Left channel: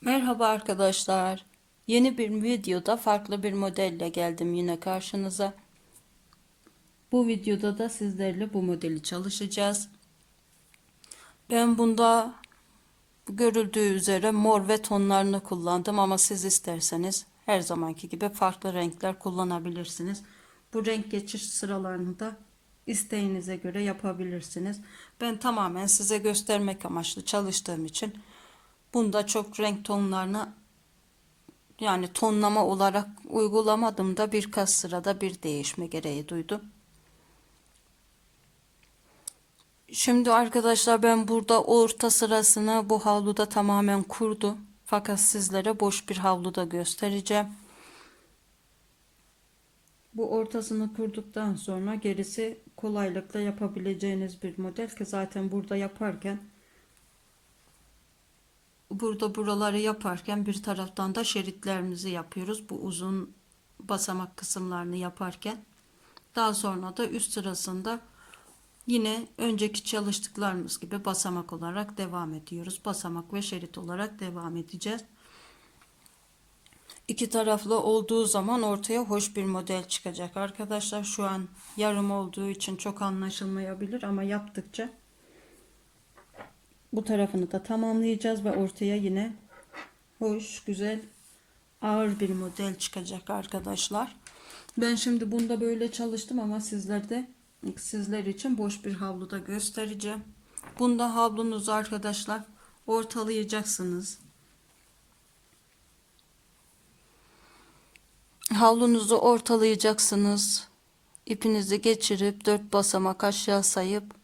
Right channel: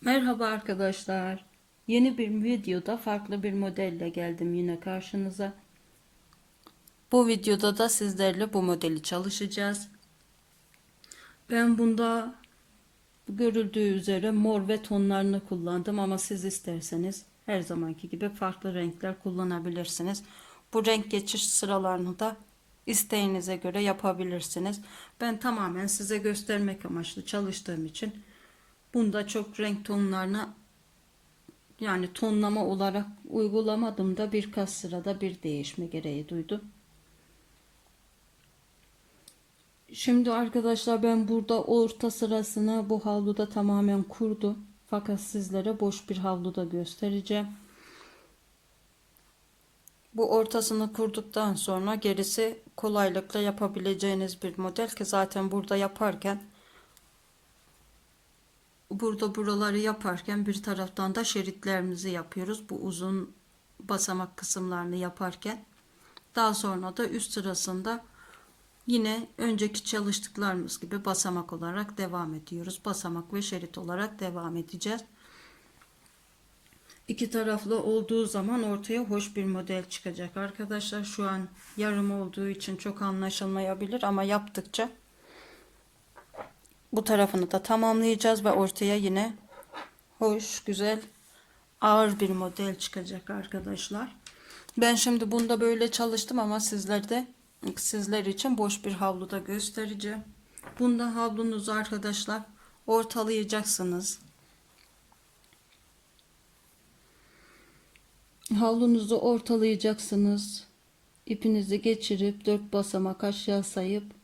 Merhaba arkadaşlar. Yeni bir videoda farklı bir modelle geldim yine karşınıza. Bu videoda da sizlerle bu modeli çalışacağız. Ben bunda görüldüğü üzere mor ve tonlarını kullandım ama siz isterseniz her zamanki gibi farklı renkler kullanabilirsiniz. Bu renk geçiş sıralarını da isteğinize göre yapabilirsiniz. Ben tamamen size göstermek amaçlı çalıştığım için Bunda çok renk tonlarına yani tonlama olarak uygulamadım da birkaç sırada bir değişme gereği duydum. Şimdi arkadaşlar ben burada orta sırasını bu havluda tamamen kurdum. Fakat sizlere boş bir havluda göstereceğim. Bu ortasını kurduktan sonra gerisi kolaylıkla yapabileceğiniz bir model ki zaten burada yaparken burada buraları yaparken bir taraftan da şeritlerimizi yapıyoruz. Bu uzun basamak kısımlarını yaparken. Daha sonra da üst sırasında yine önceki çalıştıklarımız gibi basamak olarak devam ediyoruz. Basamak ve şerit olarak devam edeceğiz. İki taraflı olduğu zaman ortaya hoş bir model çıkacak arkadaşlar. Şu an yarım olduğu için çok anlaşılmayabilir ama yaptıkça bu tarafını da tamamlayacağız ve ortaya yine hoş, güzel, ağır bir model çıkacak arkadaşlar. Ben şimdi bunda böyle çalıştım ama sizlerde sizler için boş bir havluda göstereceğim. Bunda havlunuzu arkadaşlar ortalayacaksınız. Havlunuzu ortalayacaksınız. İpinizi geçirip dört basamak aşağı sayıp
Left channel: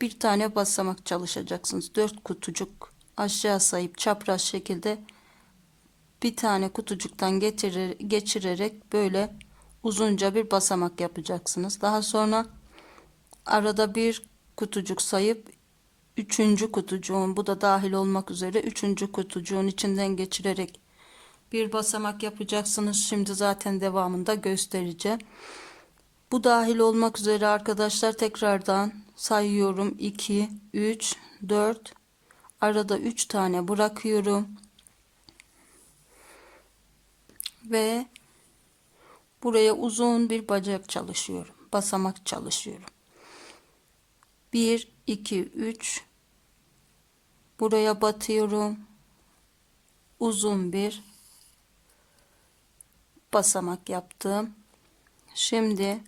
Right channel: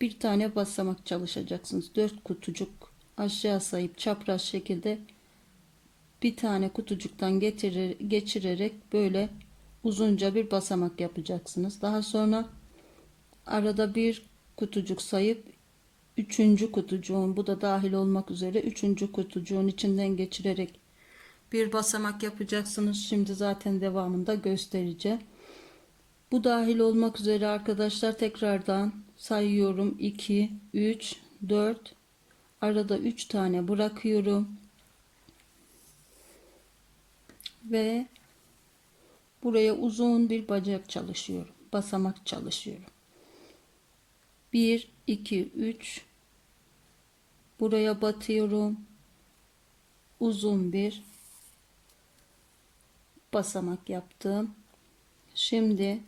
bir tane basamak çalışacaksınız. Dört kutucuk aşağı sayıp çapraz şekilde bir tane kutucuktan getirir, geçirerek böyle uzunca bir basamak yapacaksınız. Daha sonra arada bir kutucuk sayıp üçüncü kutucuğun bu da dahil olmak üzere üçüncü kutucuğun içinden geçirerek bir basamak yapacaksınız. Şimdi zaten devamında göstereceğim. Bu dahil olmak üzere arkadaşlar tekrardan sayıyorum. 2, 3, 4. Arada 3 tane bırakıyorum. Ve buraya uzun bir bacak çalışıyorum. Basamak çalışıyorum. 1, 2, 3. Buraya batıyorum. Uzun bir basamak yaptım. Şimdi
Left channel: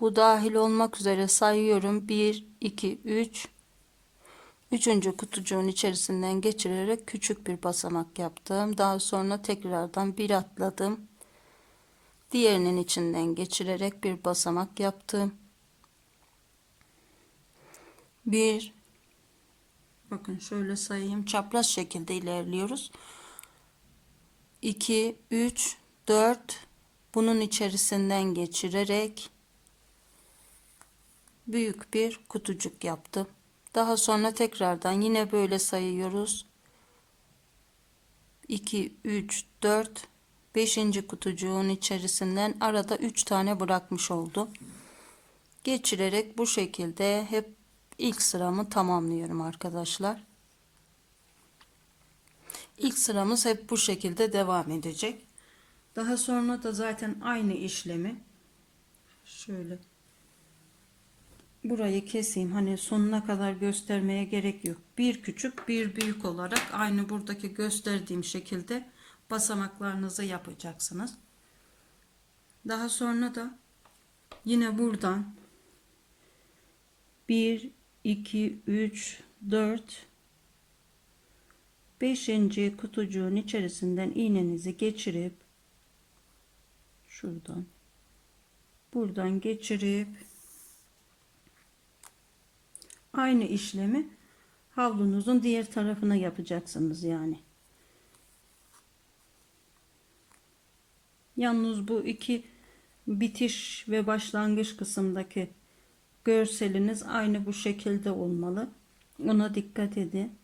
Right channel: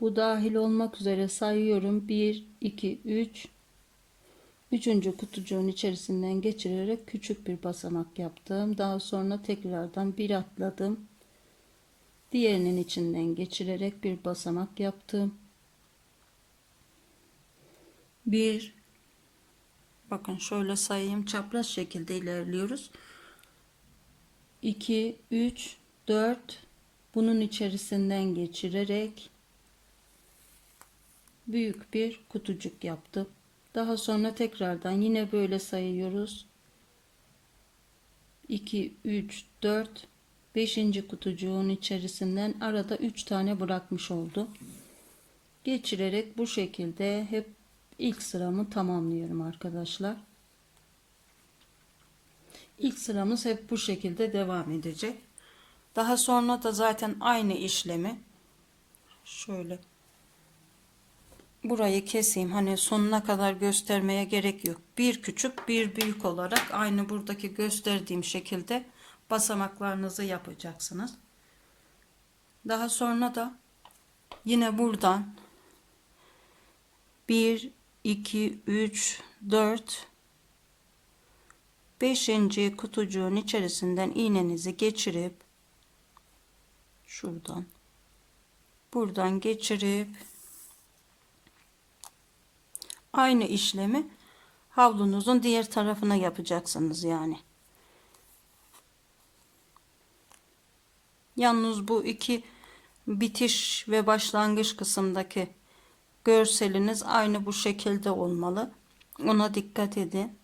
bu dahil olmak üzere sayıyorum. 1, 2, 3. Üçüncü kutucuğun içerisinden geçirerek küçük bir basamak yaptım. Daha sonra tekrardan bir atladım. Diğerinin içinden geçirerek bir basamak yaptım. Bir, bakın şöyle sayayım. Çapraz şekilde ilerliyoruz. 2, 3, 4. Bunun içerisinden geçirerek büyük bir kutucuk yaptım. Daha sonra tekrardan yine böyle sayıyoruz. 2 3 4 5. kutucuğun içerisinden arada 3 tane bırakmış oldum. Geçirerek bu şekilde hep ilk sıramı tamamlıyorum arkadaşlar. İlk sıramız hep bu şekilde devam edecek. Daha sonra da zaten aynı işlemi şöyle burayı keseyim. Hani sonuna kadar göstermeye gerek yok. Bir küçük bir büyük olarak aynı buradaki gösterdiğim şekilde basamaklarınızı yapacaksınız. Daha sonra da yine buradan 1 2 3 4 5. kutucuğun içerisinden iğnenizi geçirip şuradan buradan geçirip aynı işlemi havlunuzun diğer tarafına yapacaksınız yani. Yalnız bu iki bitiş ve başlangıç kısımdaki görseliniz aynı bu şekilde olmalı. Ona dikkat edin.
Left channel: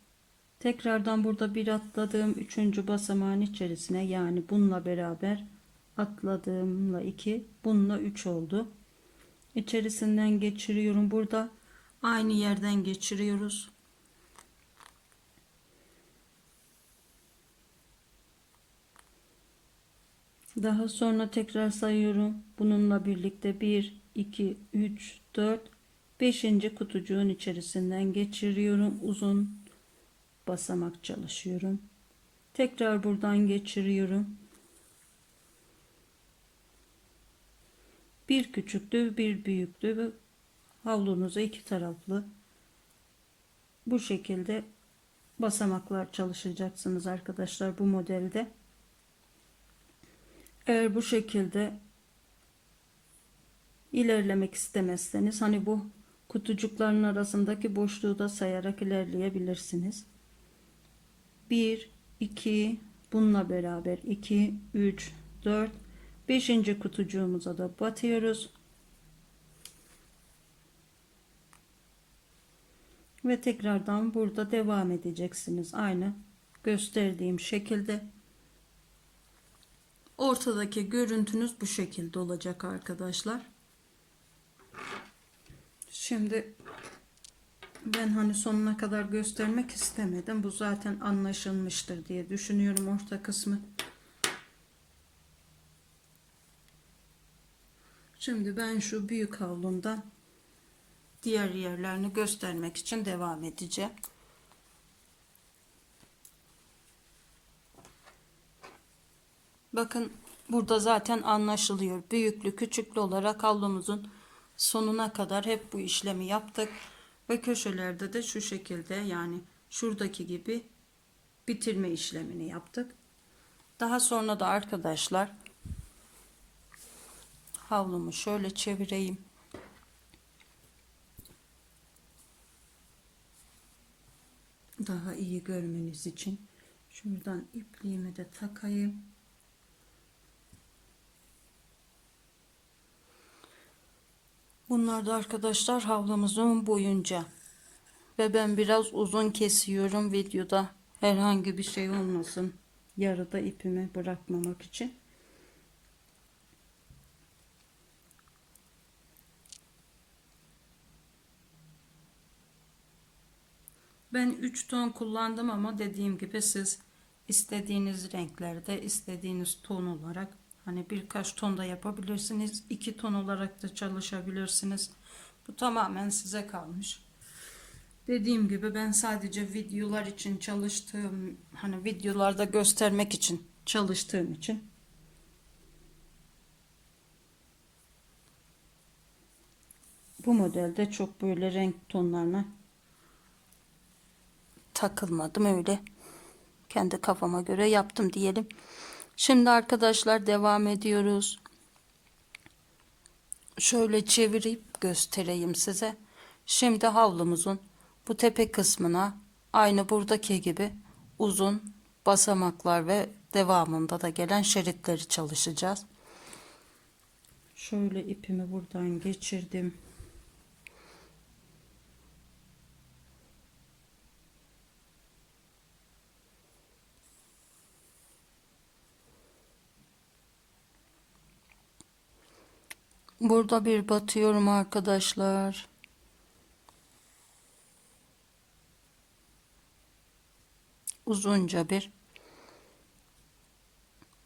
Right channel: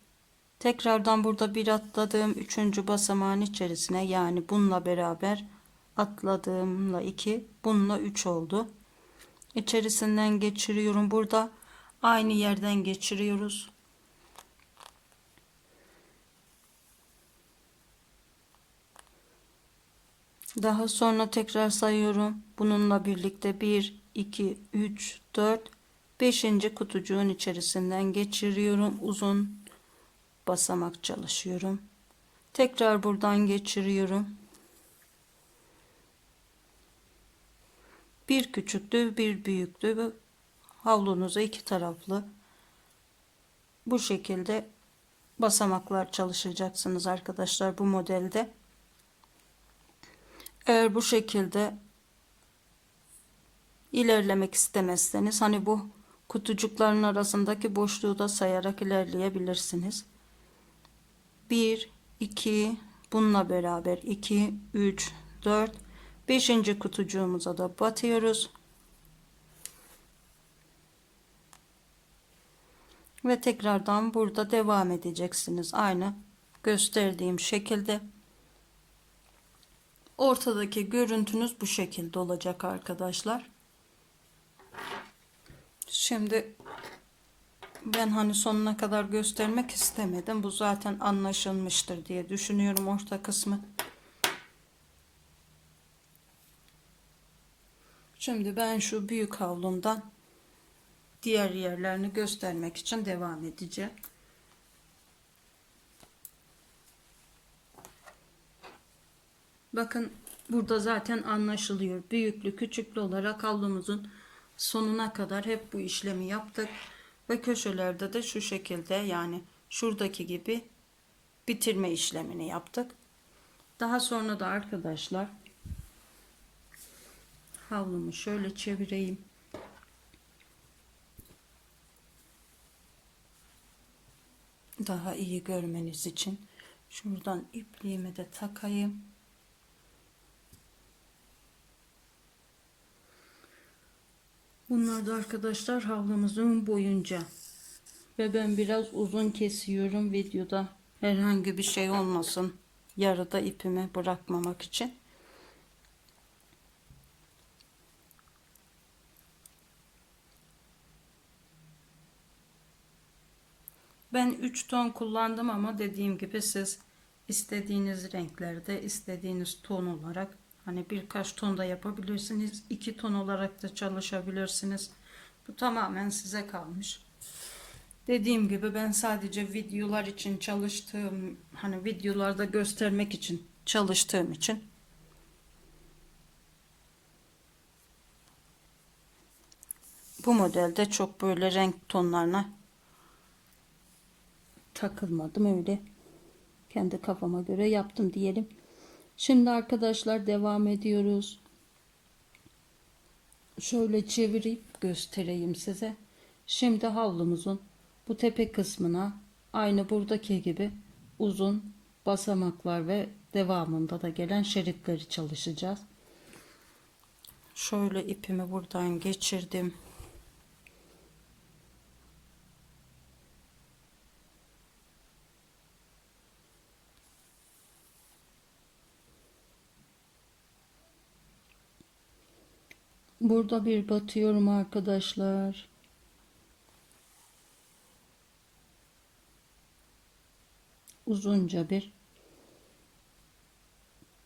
Tekrardan burada bir atladığım üçüncü basamağın içerisine yani bununla beraber atladığımla 2 bununla 3 oldu. İçerisinden geçiriyorum. Burada Aynı yerden geçiriyoruz. Daha sonra tekrar sayıyorum. Bununla birlikte 1, 2, 3, 4, 5. kutucuğun içerisinden geçiriyorum. Uzun basamak çalışıyorum. Tekrar buradan geçiriyorum. Bir küçüklü, bir büyüklü havlunuza iki taraflı bu şekilde basamaklar çalışacaksınız arkadaşlar bu modelde. Eğer bu şekilde ilerlemek istemezseniz hani bu kutucukların arasındaki boşluğu da sayarak ilerleyebilirsiniz. 1 2 bununla beraber 2 3 4 5. kutucuğumuza da batıyoruz. Ve tekrardan burada devam edeceksiniz. Aynı gösterdiğim şekilde. Ortadaki görüntünüz bu şekilde olacak arkadaşlar. Şimdi ben hani sonuna kadar göstermek istemedim. Bu zaten anlaşılmıştır diye düşünüyorum orta kısmı. Şimdi ben şu büyük havlumdan diğer yerlerini göstermek için devam edeceğim. Bakın burada zaten anlaşılıyor. Büyüklü küçüklü olarak havlumuzun sonuna kadar hep bu işlemi yaptık. Ve köşelerde de şu şekilde yani şuradaki gibi bitirme işlemini yaptık. Daha sonra da arkadaşlar havlumu şöyle çevireyim. Daha iyi görmeniz için şuradan ipliğimi de takayım. Bunlar da arkadaşlar havlamızın boyunca ve ben biraz uzun kesiyorum videoda herhangi bir şey olmasın yarıda ipimi bırakmamak için. Ben 3 ton kullandım ama dediğim gibi siz istediğiniz renklerde istediğiniz ton olarak hani birkaç ton da yapabilirsiniz. 2 ton olarak da çalışabilirsiniz. Bu tamamen size kalmış. Dediğim gibi ben sadece videolar için çalıştığım hani videolarda göstermek için çalıştığım için bu modelde çok böyle renk tonlarına takılmadım öyle kendi kafama göre yaptım diyelim. Şimdi arkadaşlar devam ediyoruz. Şöyle çevirip göstereyim size. Şimdi havlumuzun bu tepe kısmına aynı buradaki gibi uzun basamaklar ve devamında da gelen şeritleri çalışacağız. Şöyle ipimi buradan geçirdim. Burada bir batıyorum arkadaşlar. Uzunca bir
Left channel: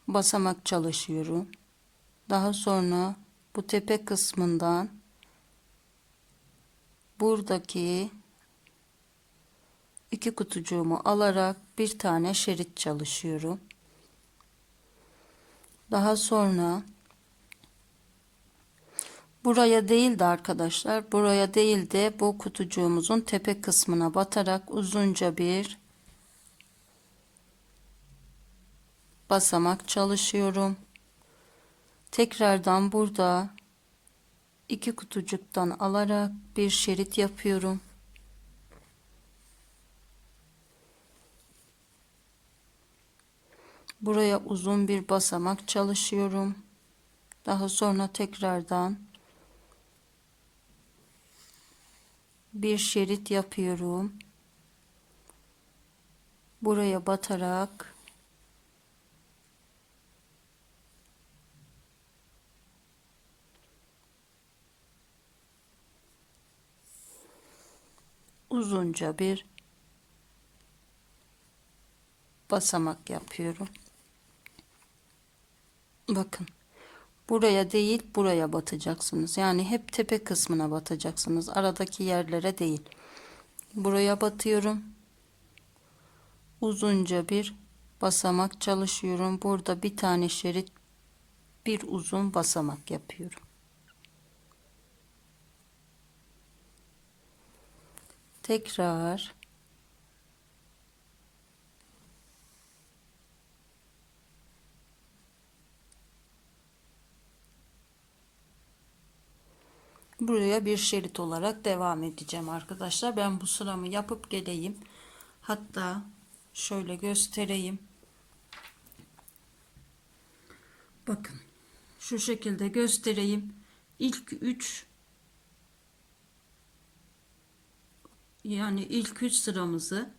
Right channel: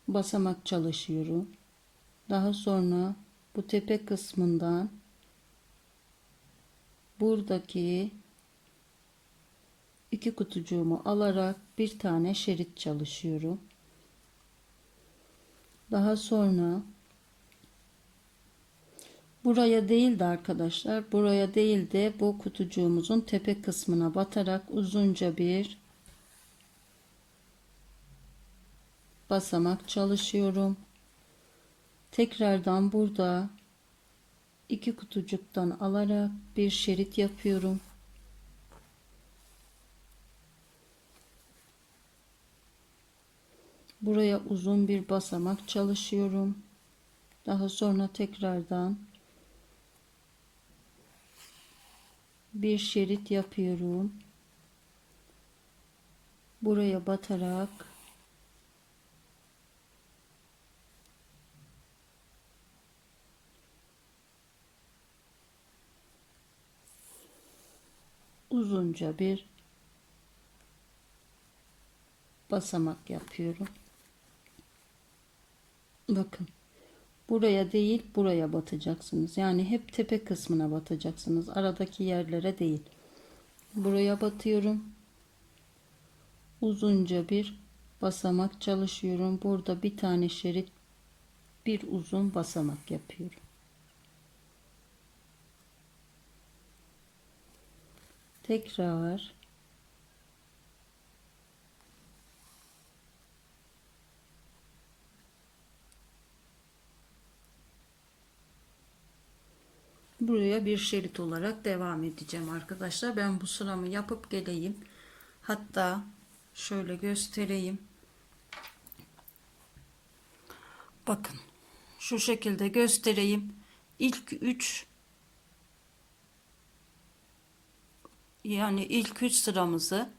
basamak çalışıyorum. Daha sonra bu tepe kısmından buradaki iki kutucuğumu alarak bir tane şerit çalışıyorum. Daha sonra Buraya değil de arkadaşlar buraya değil de bu kutucuğumuzun tepe kısmına batarak uzunca bir basamak çalışıyorum. Tekrardan burada iki kutucuktan alarak bir şerit yapıyorum. Buraya uzun bir basamak çalışıyorum. Daha sonra tekrardan bir şerit yapıyorum. Buraya batarak uzunca bir basamak yapıyorum. Bakın. Buraya değil buraya batacaksınız. Yani hep tepe kısmına batacaksınız. Aradaki yerlere değil. Buraya batıyorum. Uzunca bir basamak çalışıyorum. Burada bir tane şerit bir uzun basamak yapıyorum. Tekrar buraya bir şerit olarak devam edeceğim arkadaşlar. Ben bu sıramı yapıp geleyim. Hatta şöyle göstereyim. Bakın şu şekilde göstereyim. İlk 3 yani ilk 3 sıramızı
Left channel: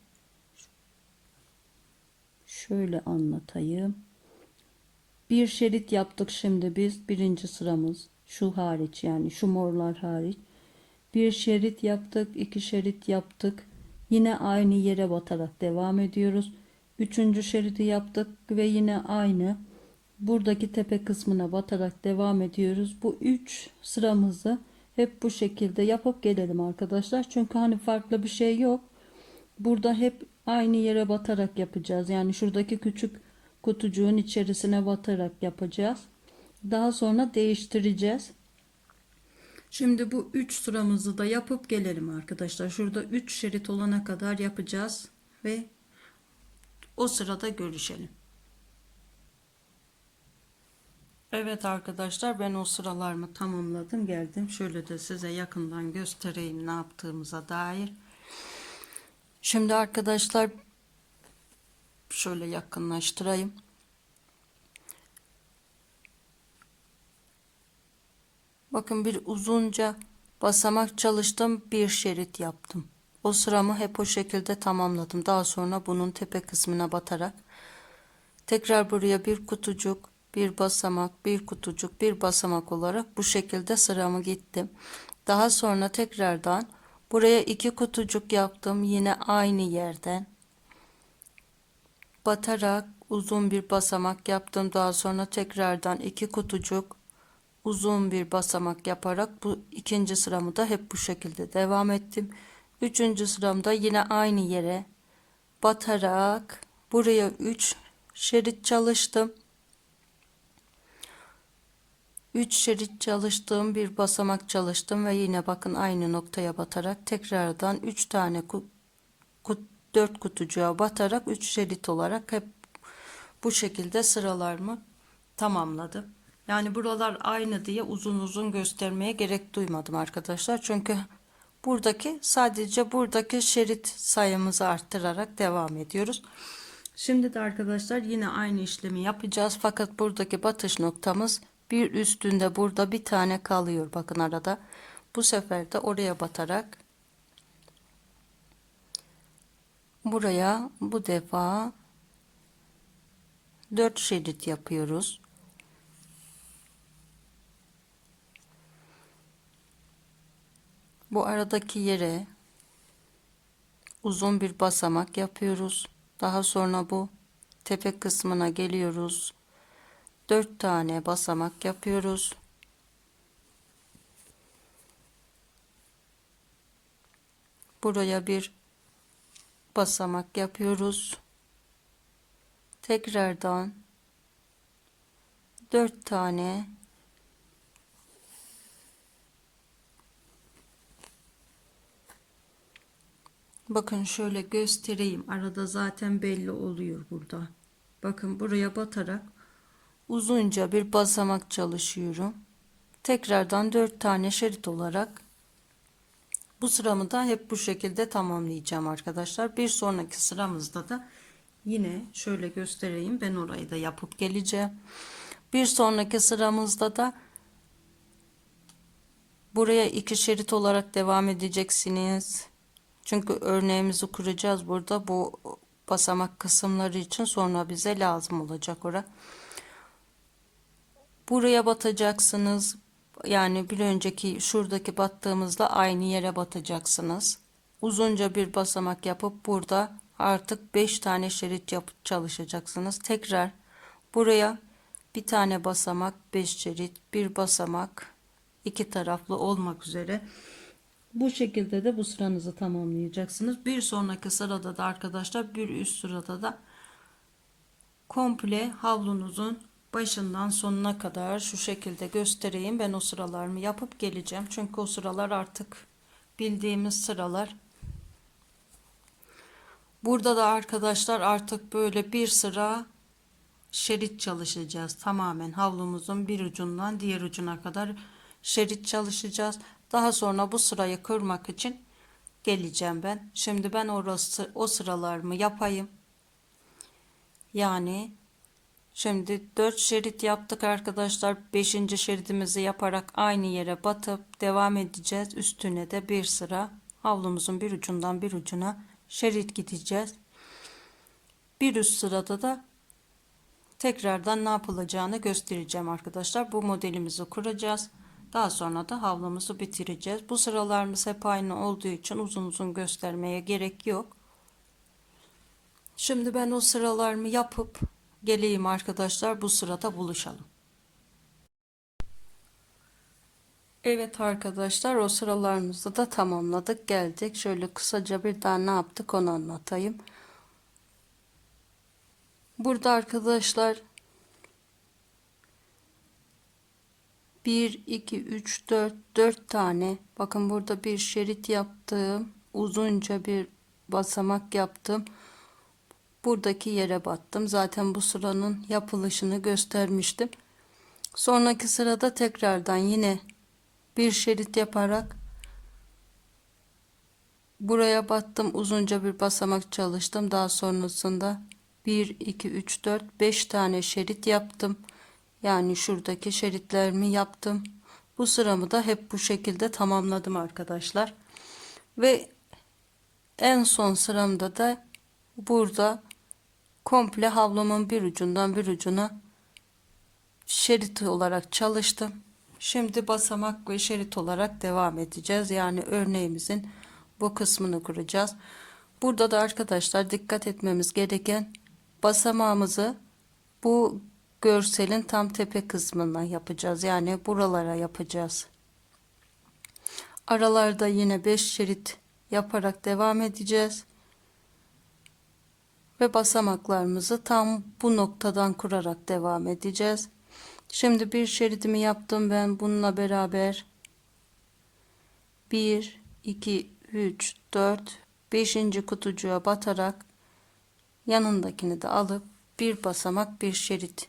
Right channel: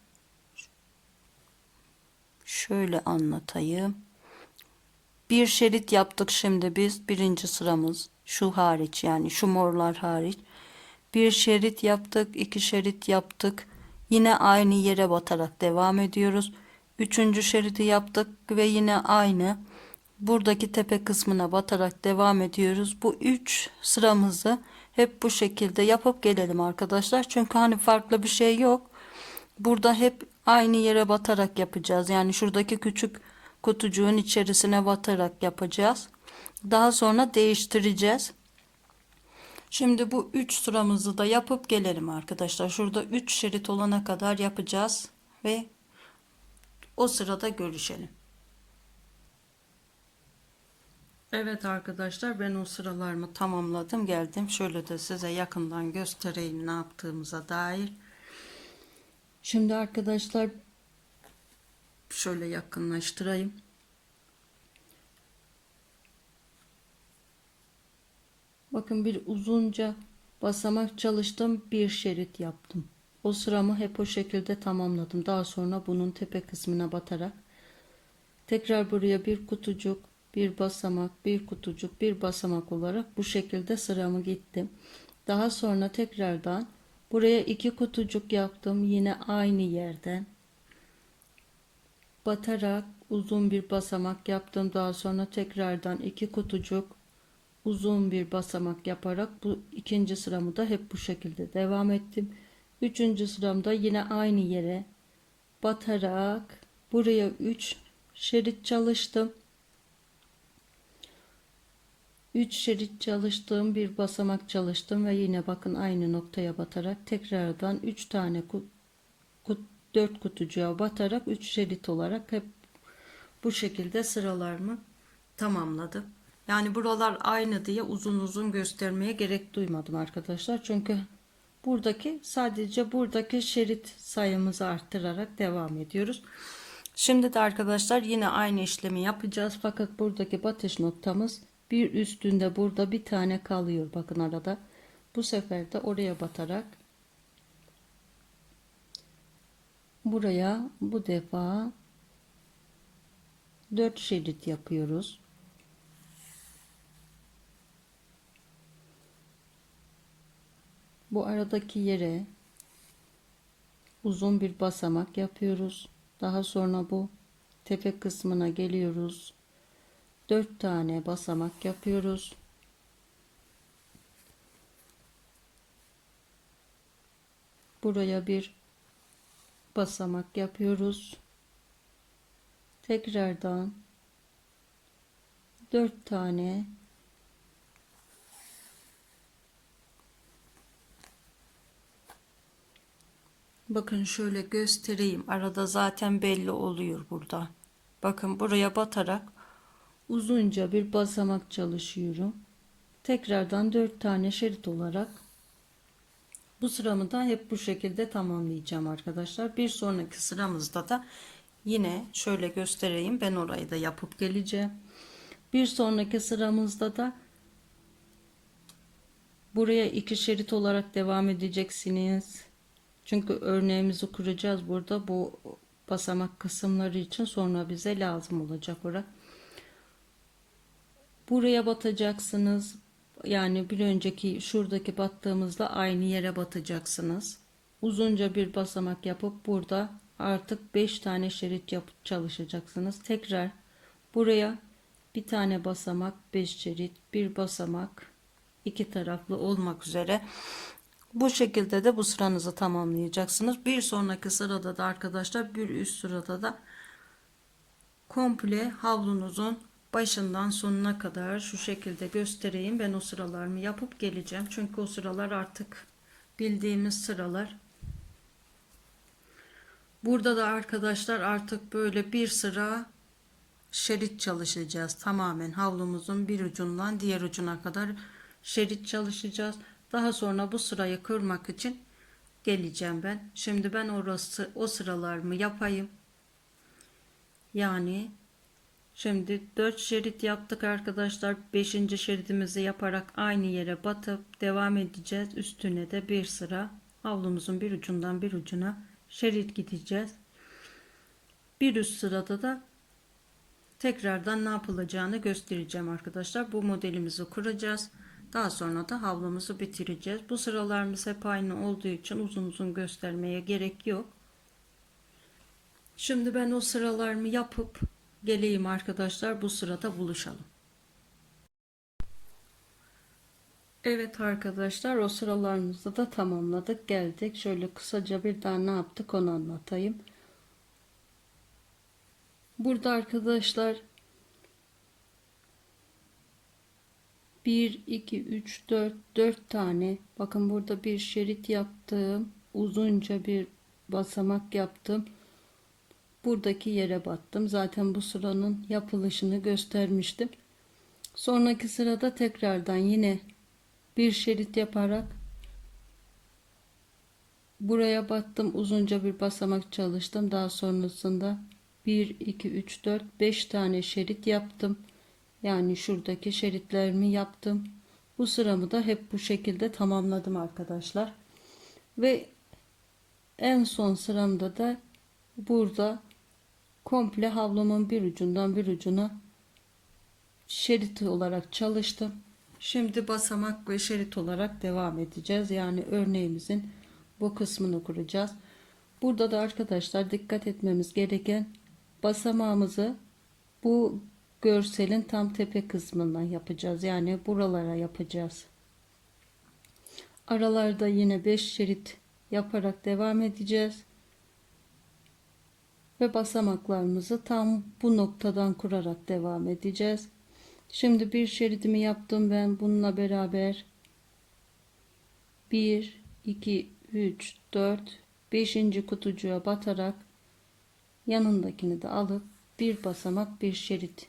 şöyle anlatayım. Bir şerit yaptık şimdi biz birinci sıramız şu hariç yani şu morlar hariç. Bir şerit yaptık, iki şerit yaptık. Yine aynı yere batarak devam ediyoruz. Üçüncü şeridi yaptık ve yine aynı buradaki tepe kısmına batarak devam ediyoruz. Bu üç sıramızı hep bu şekilde yapıp gelelim arkadaşlar. Çünkü hani farklı bir şey yok. Burada hep aynı yere batarak yapacağız. Yani şuradaki küçük kutucuğun içerisine batarak yapacağız. Daha sonra değiştireceğiz. Şimdi bu 3 sıramızı da yapıp gelelim arkadaşlar. Şurada 3 şerit olana kadar yapacağız ve o sırada görüşelim. Evet arkadaşlar ben o sıralarımı tamamladım geldim. Şöyle de size yakından göstereyim ne yaptığımıza dair. Şimdi arkadaşlar şöyle yakınlaştırayım. Bakın bir uzunca basamak çalıştım. Bir şerit yaptım. O sıramı hep o şekilde tamamladım. Daha sonra bunun tepe kısmına batarak tekrar buraya bir kutucuk, bir basamak, bir kutucuk, bir basamak olarak bu şekilde sıramı gittim. Daha sonra tekrardan buraya iki kutucuk yaptım. Yine aynı yerden batarak uzun bir basamak yaptım. Daha sonra tekrardan iki kutucuk uzun bir basamak yaparak bu ikinci sıramı da hep bu şekilde devam ettim. Üçüncü sıramda yine aynı yere batarak buraya 3 şerit çalıştım. 3 şerit çalıştım, bir basamak çalıştım ve yine bakın aynı noktaya batarak tekrardan 3 tane kut, kut, 4 kutucuğa batarak 3 şerit olarak hep bu şekilde sıralarımı tamamladım. Yani buralar aynı diye uzun uzun göstermeye gerek duymadım arkadaşlar. Çünkü buradaki sadece buradaki şerit sayımızı arttırarak devam ediyoruz. Şimdi de arkadaşlar yine aynı işlemi yapacağız. Fakat buradaki batış noktamız bir üstünde burada bir tane kalıyor. Bakın arada. Bu sefer de oraya batarak buraya bu defa 4 şerit yapıyoruz. Bu aradaki yere uzun bir basamak yapıyoruz. Daha sonra bu tepe kısmına geliyoruz. 4 tane basamak yapıyoruz. Buraya bir basamak yapıyoruz. Tekrardan 4 tane Bakın şöyle göstereyim. Arada zaten belli oluyor burada. Bakın buraya batarak uzunca bir basamak çalışıyorum. Tekrardan 4 tane şerit olarak bu sıramı da hep bu şekilde tamamlayacağım arkadaşlar. Bir sonraki sıramızda da yine şöyle göstereyim. Ben orayı da yapıp geleceğim. Bir sonraki sıramızda da buraya iki şerit olarak devam edeceksiniz. Çünkü örneğimizi kuracağız burada. Bu basamak kısımları için sonra bize lazım olacak ora. Buraya batacaksınız. Yani bir önceki şuradaki battığımızda aynı yere batacaksınız. Uzunca bir basamak yapıp burada artık 5 tane şerit yapıp çalışacaksınız. Tekrar buraya bir tane basamak 5 şerit bir basamak iki taraflı olmak üzere bu şekilde de bu sıranızı tamamlayacaksınız bir sonraki sırada da arkadaşlar bir üst sırada da komple havlunuzun başından sonuna kadar şu şekilde göstereyim ben o sıralarımı yapıp geleceğim çünkü o sıralar artık bildiğimiz sıralar burada da arkadaşlar artık böyle bir sıra şerit çalışacağız. Tamamen havlumuzun bir ucundan diğer ucuna kadar şerit çalışacağız. Daha sonra bu sırayı kırmak için geleceğim ben. Şimdi ben orası o sıralarımı yapayım. Yani şimdi 4 şerit yaptık arkadaşlar. 5. şeridimizi yaparak aynı yere batıp devam edeceğiz. Üstüne de bir sıra havlumuzun bir ucundan bir ucuna şerit gideceğiz. Bir üst sırada da tekrardan ne yapılacağını göstereceğim arkadaşlar. Bu modelimizi kuracağız. Daha sonra da havlumuzu bitireceğiz. Bu sıralarımız hep aynı olduğu için uzun uzun göstermeye gerek yok. Şimdi ben o sıralarımı yapıp geleyim arkadaşlar. Bu sırada buluşalım. Evet arkadaşlar o sıralarımızı da tamamladık geldik. Şöyle kısaca bir daha ne yaptık onu anlatayım. Burada arkadaşlar 1 2 3 4 4 tane bakın burada bir şerit yaptım. Uzunca bir basamak yaptım. Buradaki yere battım. Zaten bu sıranın yapılışını göstermiştim. Sonraki sırada tekrardan yine bir şerit yaparak buraya battım. Uzunca bir basamak çalıştım. Daha sonrasında 1 2 3 4 5 tane şerit yaptım. Yani şuradaki şeritlerimi yaptım. Bu sıramı da hep bu şekilde tamamladım arkadaşlar. Ve en son sıramda da burada komple havlumun bir ucundan bir ucuna şerit olarak çalıştım. Şimdi basamak ve şerit olarak devam edeceğiz. Yani örneğimizin bu kısmını kuracağız. Burada da arkadaşlar dikkat etmemiz gereken basamağımızı bu görselin tam tepe kısmından yapacağız. Yani buralara yapacağız. Aralarda yine 5 şerit yaparak devam edeceğiz. Ve basamaklarımızı tam bu noktadan kurarak devam edeceğiz. Şimdi bir şeridimi yaptım ben bununla beraber 1 2 3 4 5. kutucuğa batarak yanındakini de alıp bir basamak bir şerit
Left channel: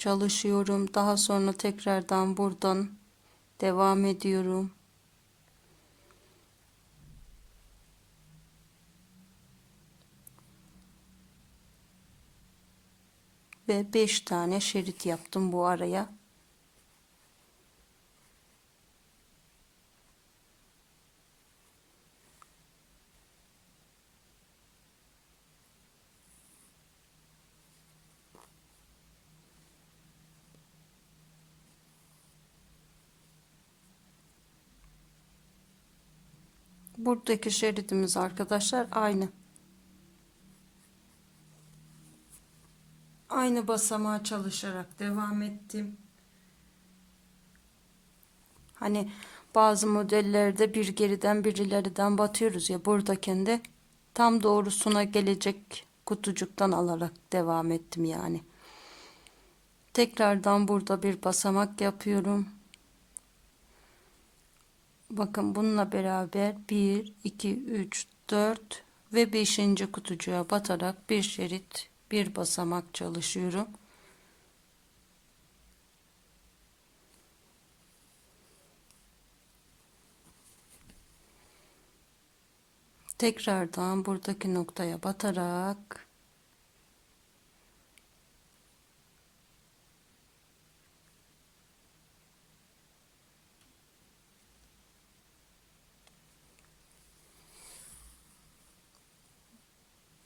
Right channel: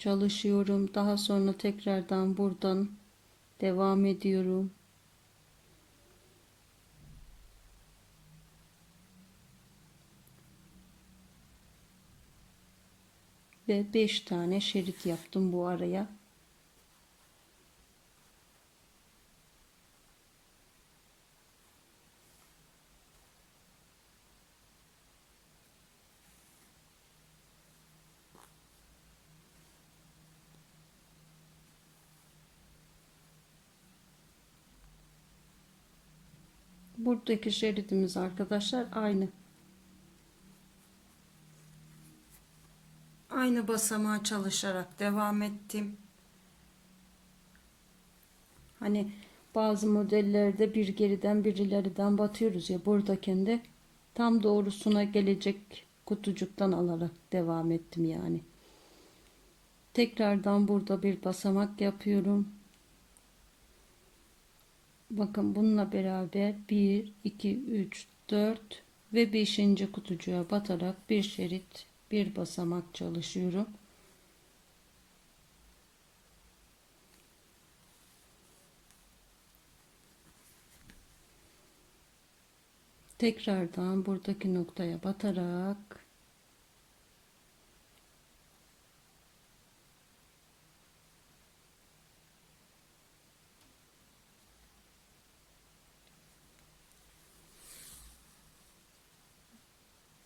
çalışıyorum. Daha sonra tekrardan buradan devam ediyorum. Ve 5 tane şerit yaptım bu araya. Buradaki şeridimiz arkadaşlar aynı. Aynı basamağa çalışarak devam ettim. Hani bazı modellerde bir geriden bir ileriden batıyoruz ya buradakinde de tam doğrusuna gelecek kutucuktan alarak devam ettim yani. Tekrardan burada bir basamak yapıyorum. Bakın bununla beraber 1, 2, 3, 4 ve 5. kutucuğa batarak bir şerit bir basamak çalışıyorum. Tekrardan buradaki noktaya batarak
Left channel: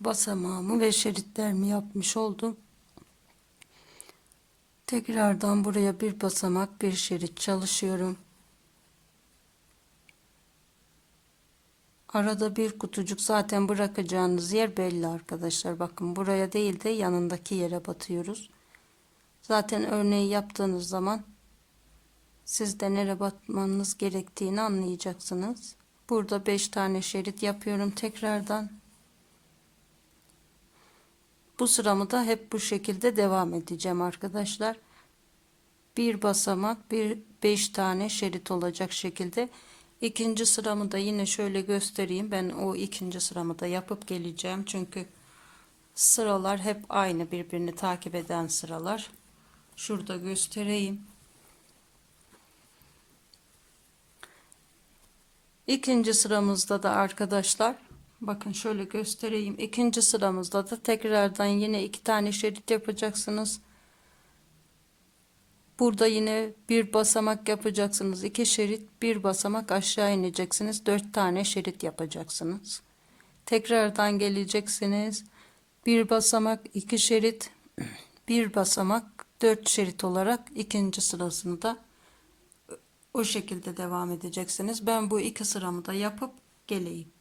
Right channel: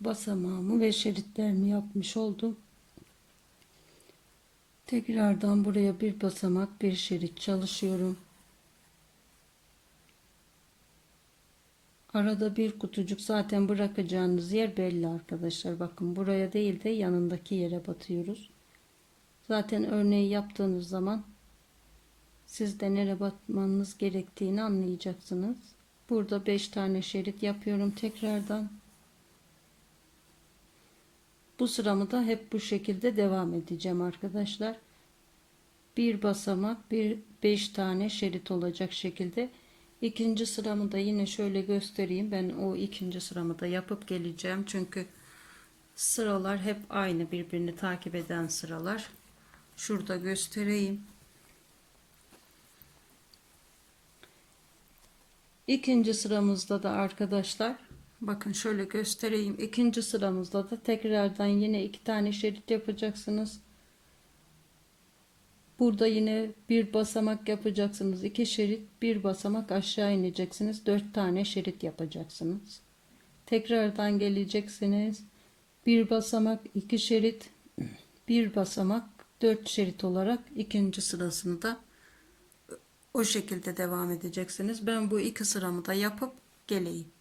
basamağımı ve şeritlerimi yapmış oldum. Tekrardan buraya bir basamak bir şerit çalışıyorum. Arada bir kutucuk zaten bırakacağınız yer belli arkadaşlar. Bakın buraya değil de yanındaki yere batıyoruz. Zaten örneği yaptığınız zaman siz de nereye batmanız gerektiğini anlayacaksınız. Burada 5 tane şerit yapıyorum tekrardan. Bu sıramı da hep bu şekilde devam edeceğim arkadaşlar. Bir basamak, bir 5 tane şerit olacak şekilde. İkinci sıramı da yine şöyle göstereyim. Ben o ikinci sıramı da yapıp geleceğim. Çünkü sıralar hep aynı birbirini takip eden sıralar. Şurada göstereyim. İkinci sıramızda da arkadaşlar bakın şöyle göstereyim. İkinci sıramızda da tekrardan yine iki tane şerit yapacaksınız. Burada yine bir basamak yapacaksınız. iki şerit bir basamak aşağı ineceksiniz. Dört tane şerit yapacaksınız. Tekrardan geleceksiniz. Bir basamak iki şerit bir basamak dört şerit olarak ikinci sırasını da o şekilde devam edeceksiniz. Ben bu iki sıramı da yapıp geleyim.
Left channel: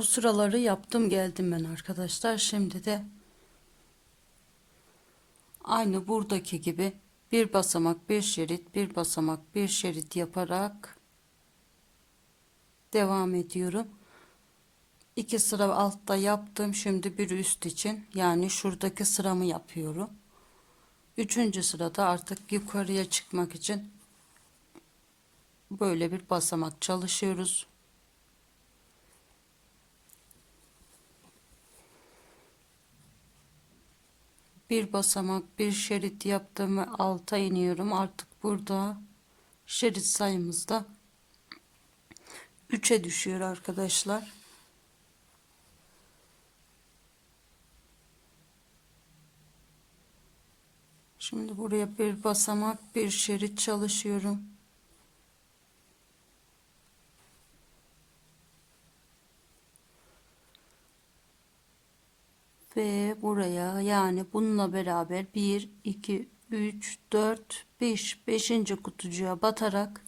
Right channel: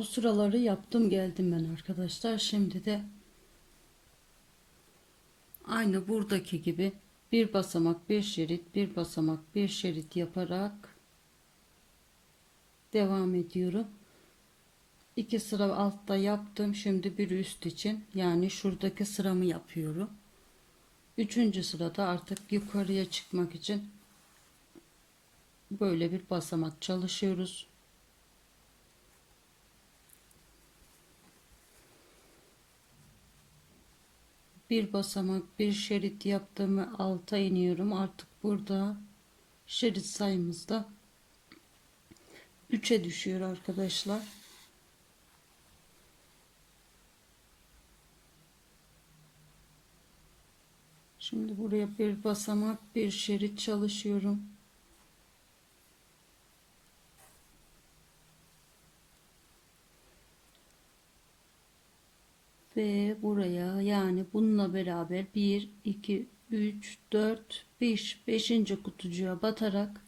O sıraları yaptım geldim ben arkadaşlar. Şimdi de aynı buradaki gibi bir basamak bir şerit bir basamak bir şerit yaparak devam ediyorum. İki sıra altta yaptım. Şimdi bir üst için yani şuradaki sıramı yapıyorum. Üçüncü sırada artık yukarıya çıkmak için böyle bir basamak çalışıyoruz. Bir basamak bir şerit yaptım ve alta iniyorum. Artık burada şerit sayımızda 3'e düşüyor arkadaşlar. Şimdi buraya bir basamak bir şerit çalışıyorum. Ve buraya yani bununla beraber 1, 2, 3, 4, 5, 5. kutucuğa batarak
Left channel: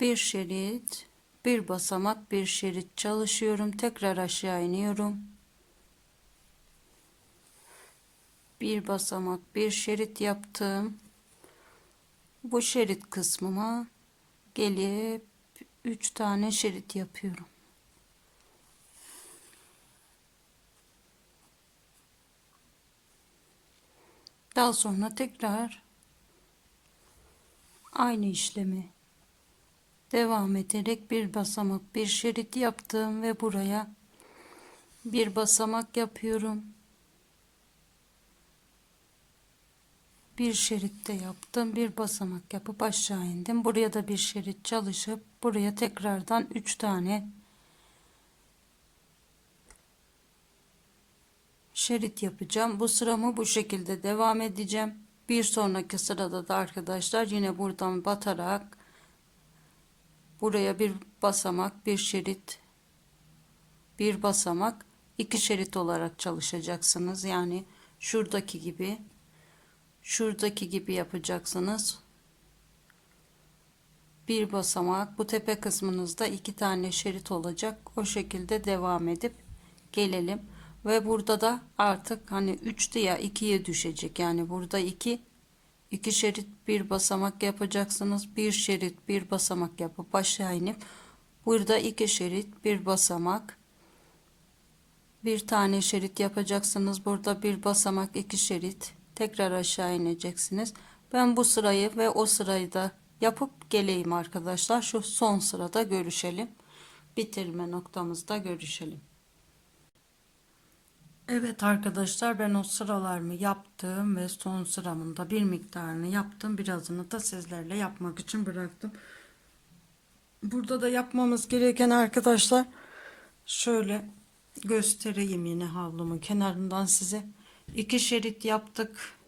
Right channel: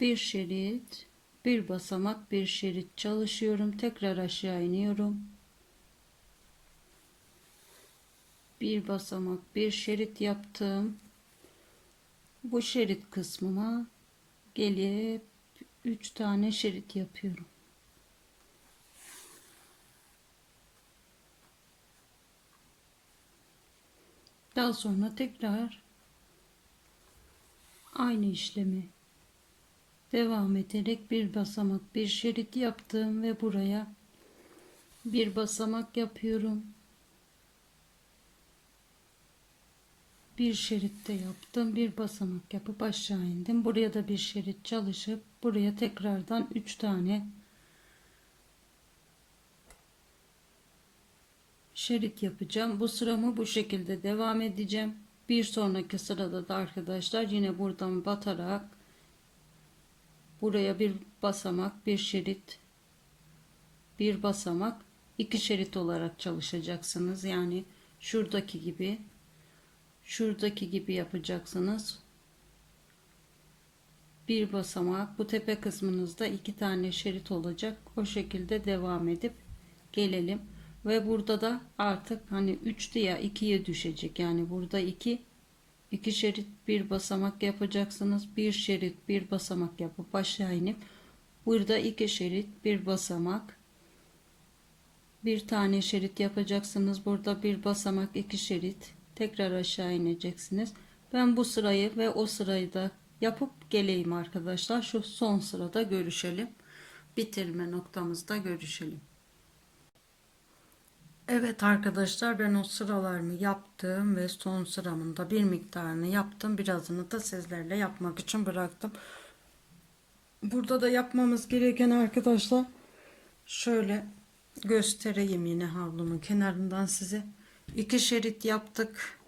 bir şerit, bir basamak, bir şerit çalışıyorum. Tekrar aşağı iniyorum. bir basamak bir şerit yaptım bu şerit kısmıma gelip 3 tane şerit yapıyorum daha sonra tekrar aynı işlemi devam ederek bir basamak bir şerit yaptım ve buraya bir basamak yapıyorum. Bir şeritte yaptım bir basamak yapıp aşağı indim. Buraya da bir şerit çalışıp buraya tekrardan 3 tane şerit yapacağım. Bu sıramı bu şekilde devam edeceğim. Bir sonraki sırada da arkadaşlar yine buradan batarak buraya bir basamak bir şerit bir basamak iki şerit olarak çalışacaksınız. Yani şuradaki gibi şuradaki gibi yapacaksınız. Bir basamak bu tepe kısmınızda iki tane şerit olacak. O şekilde devam edip gelelim ve burada da artık hani 3'tü ya 2'ye düşecek yani burada 2 iki şerit bir basamak yapacaksınız bir şerit bir basamak yapıp aşağı inip burada iki şerit bir basamak bir tane şerit yapacaksınız burada bir basamak iki şerit tekrar aşağı ineceksiniz. Ben bu sırayı ve o sırayı da yapıp geleyim arkadaşlar. Şu son sırada görüşelim. Bitirme noktamızda görüşelim. Evet arkadaşlar ben o sıralarımı yaptım ve son sıramın da bir miktarını yaptım. Birazını da sizlerle yapmak için bıraktım. Burada da yapmamız gereken arkadaşlar şöyle göstereyim yine havlumun kenarından size iki şerit yaptık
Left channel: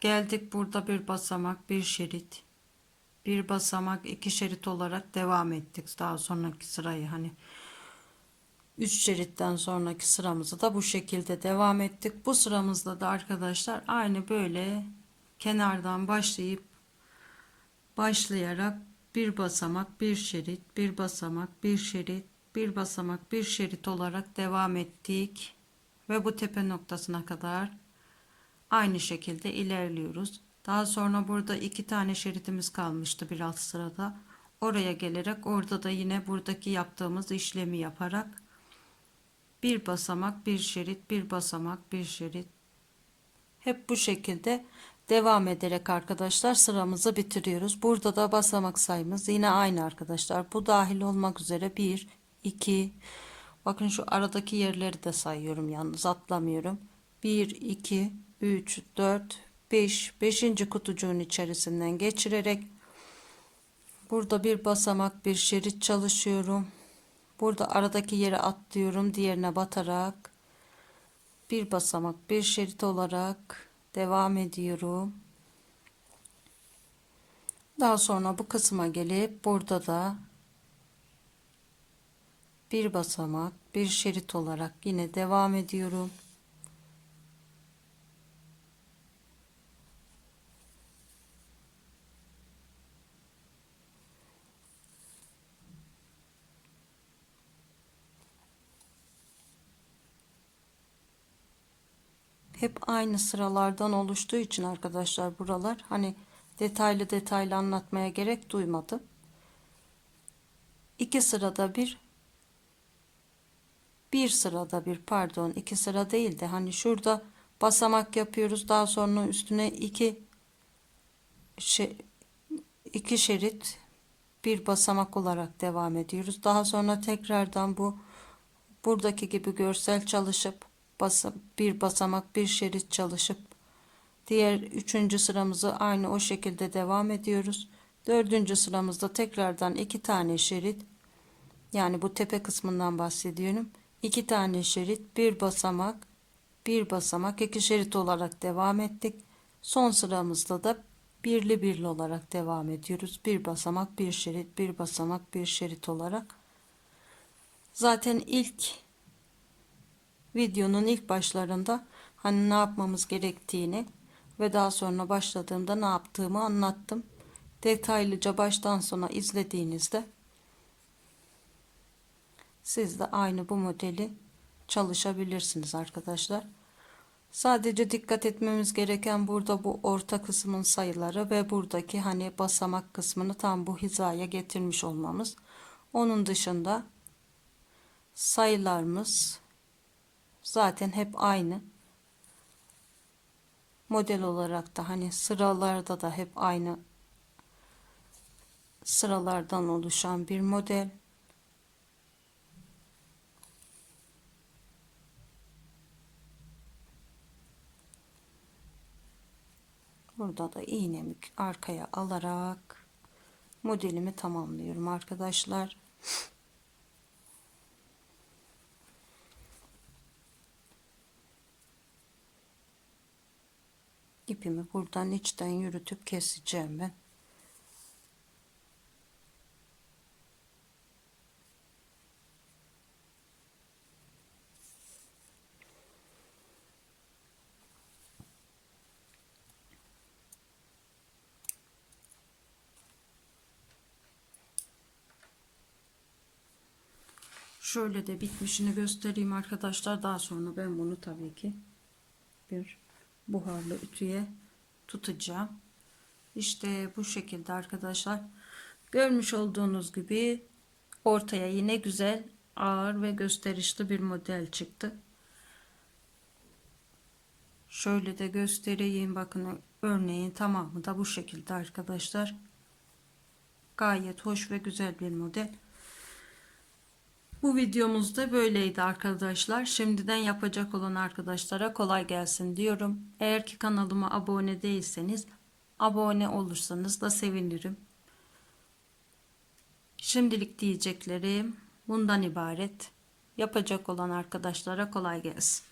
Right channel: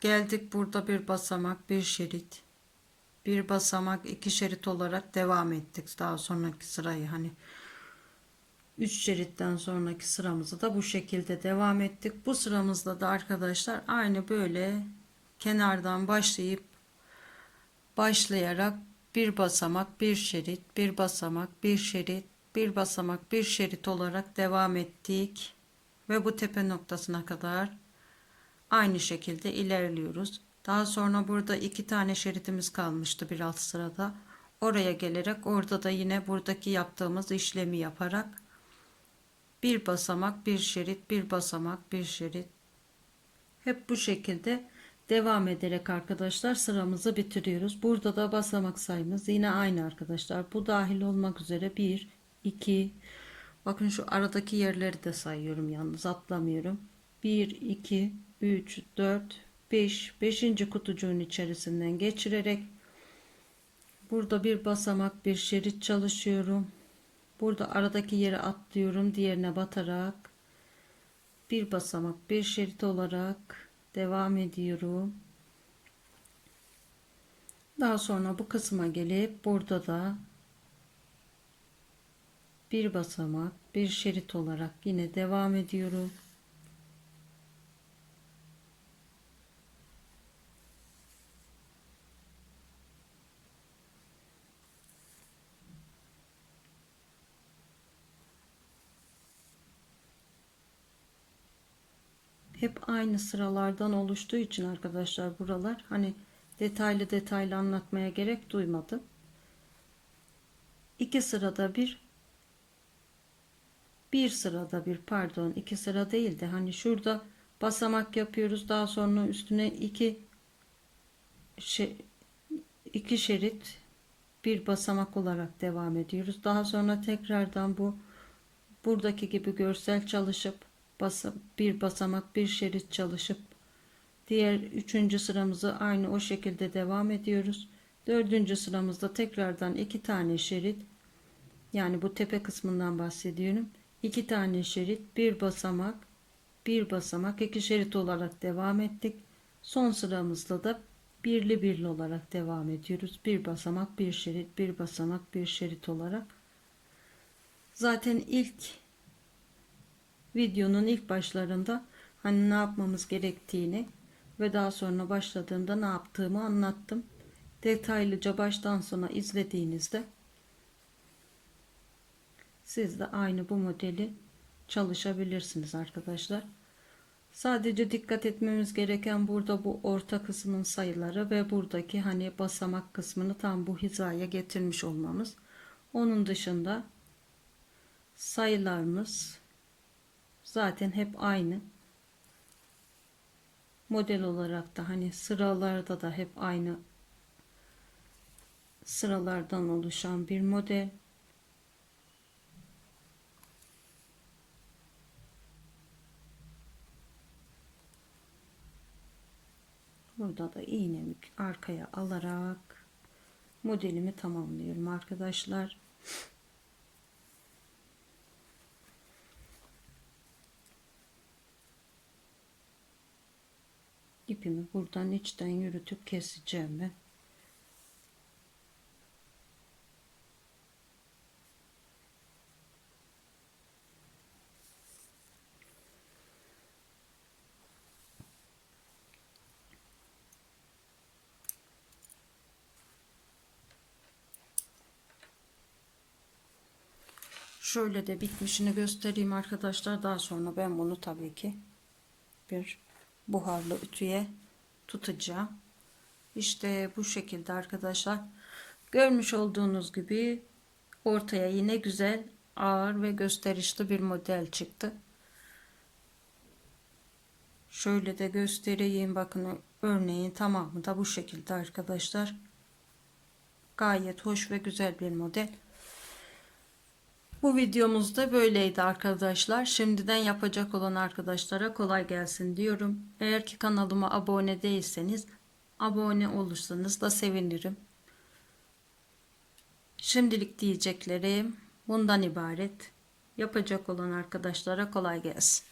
geldik burada bir basamak bir şerit bir basamak iki şerit olarak devam ettik daha sonraki sırayı hani 3 şeritten sonraki sıramızı da bu şekilde devam ettik bu sıramızda da arkadaşlar aynı böyle kenardan başlayıp başlayarak bir basamak, bir şerit, bir basamak, bir şerit, bir basamak, bir şerit olarak devam ettik ve bu tepe noktasına kadar aynı şekilde ilerliyoruz. Daha sonra burada iki tane şeritimiz kalmıştı bir alt sırada. Oraya gelerek orada da yine buradaki yaptığımız işlemi yaparak bir basamak, bir şerit, bir basamak, bir şerit. Hep bu şekilde devam ederek arkadaşlar sıramızı bitiriyoruz. Burada da basamak sayımız yine aynı arkadaşlar. Bu dahil olmak üzere 1, 2, bakın şu aradaki yerleri de sayıyorum yalnız atlamıyorum. 1, 2, 3, 4, 5, 5. kutucuğun içerisinden geçirerek burada bir basamak bir şerit çalışıyorum. Burada aradaki yere atlıyorum. Diğerine batarak bir basamak bir şerit olarak devam ediyorum. Daha sonra bu kısma gelip burada da bir basamak bir şerit olarak yine devam ediyorum. hep aynı sıralardan oluştuğu için arkadaşlar buralar hani detaylı detaylı anlatmaya gerek duymadım. İki sırada bir bir sırada bir pardon iki sıra değil de hani şurada basamak yapıyoruz daha sonra üstüne iki şey, iki şerit bir basamak olarak devam ediyoruz. Daha sonra tekrardan bu buradaki gibi görsel çalışıp basa, bir basamak bir şerit çalışıp diğer üçüncü sıramızı aynı o şekilde devam ediyoruz. Dördüncü sıramızda tekrardan iki tane şerit yani bu tepe kısmından bahsediyorum. iki tane şerit bir basamak bir basamak iki şerit olarak devam ettik. Son sıramızda da birli birli olarak devam ediyoruz. Bir basamak bir şerit bir basamak bir şerit olarak. Zaten ilk videonun ilk başlarında hani ne yapmamız gerektiğini ve daha sonra başladığımda ne yaptığımı anlattım. Detaylıca baştan sona izlediğinizde siz de aynı bu modeli çalışabilirsiniz arkadaşlar. Sadece dikkat etmemiz gereken burada bu orta kısmın sayıları ve buradaki hani basamak kısmını tam bu hizaya getirmiş olmamız. Onun dışında sayılarımız zaten hep aynı. Model olarak da hani sıralarda da hep aynı sıralardan oluşan bir model. Burada da iğnemi arkaya alarak modelimi tamamlıyorum arkadaşlar. ipimi buradan içten yürütüp keseceğim ben. Şöyle de bitmişini göstereyim arkadaşlar. Daha sonra ben bunu tabii ki bir buharlı ütüye tutacağım. İşte bu şekilde arkadaşlar. Görmüş olduğunuz gibi ortaya yine güzel ağır ve gösterişli bir model çıktı. Şöyle de göstereyim. Bakın örneğin tamamı da bu şekilde arkadaşlar. Gayet hoş ve güzel bir model. Bu videomuz da böyleydi arkadaşlar. Şimdiden yapacak olan arkadaşlara kolay gelsin diyorum. Eğer ki kanalıma abone değilseniz abone olursanız da sevinirim. Şimdilik diyeceklerim bundan ibaret. Yapacak olan arkadaşlara kolay gelsin.